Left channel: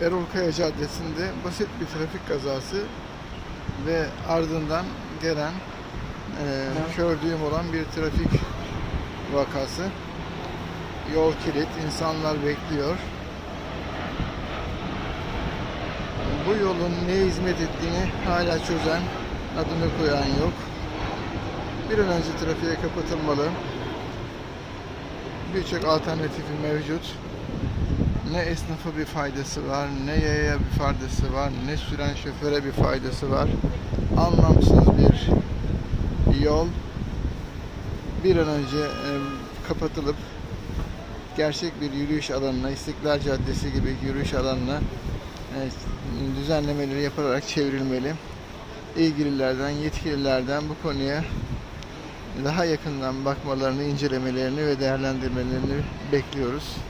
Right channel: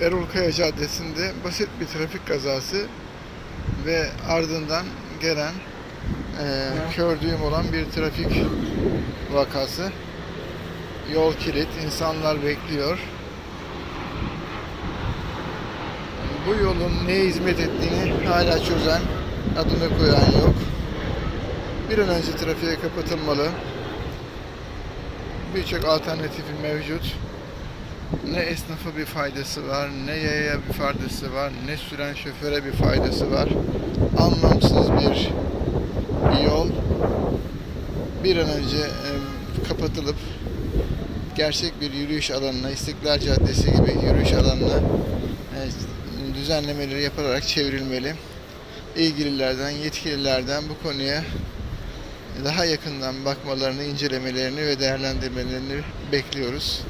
Erol Kaya Caddesi'nde basit bir trafik kazası ve ardından gelen e, kör düğüm olan bir trafik vakası. Yol kilit, insanlar bekliyor. Bu yolun neye hizmet ettiğini hala çözen, adını koyan yok. Bir an önce trafiğe kapatılmalı. Birçok alternatifi mevcut. Ne esnafa bir faydası var, ne yaya bir faydası var, ne süren şoföre bir faydası var. Anlamsız bir yol bir an önce e, kapatılıp gerçek bir yürüyüş alanına, İstiklal Caddesi gibi yürüyüş alanına e, düzenlemeleri yapılarak çevrilmeli. İlgililerden, yetkililerden bu konuya daha yakından bakmalarını, incelemelerini ve değerlendirmelerini bekliyoruz.